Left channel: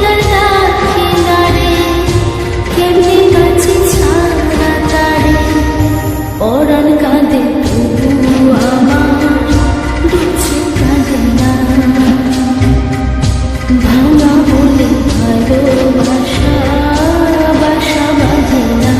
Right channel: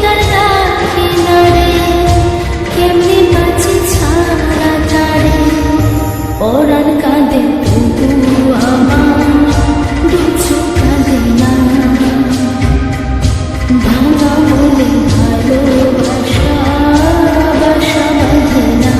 তার ডাকে নারে, কেমনে বাঁচি ছাড়া তারে। পরাণ কাঁদে তবু আমার, দু চোখ কাঁদে না। ভাঙা মনে ভালোবাসা বাসা বাঁধে না।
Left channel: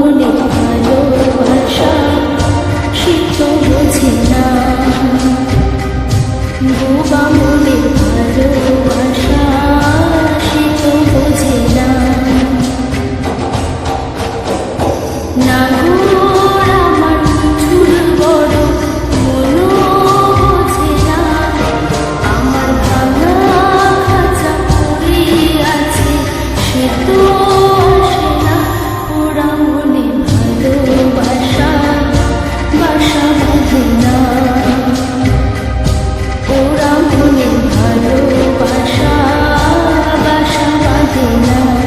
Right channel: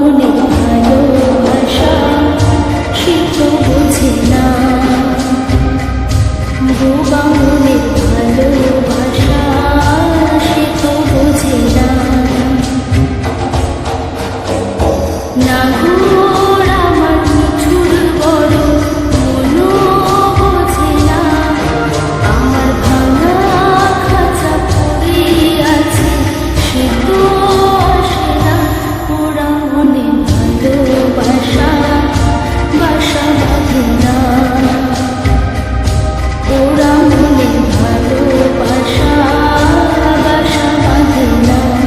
মনের ভালোবাসা সে তো বোঝে না। বোবা মনের ভালোবাসা সে তো বোঝে না। না গো আমার মিঠুর বড় মনও বোঝে না। আমার ভাঙা খাঁচা পড়ে আছে সে তো আসে না। ওরা মনে ভালোবাসা বাসা বাঁধে না। ওরা মনে ভালোবাসা বাসা বাঁধে না।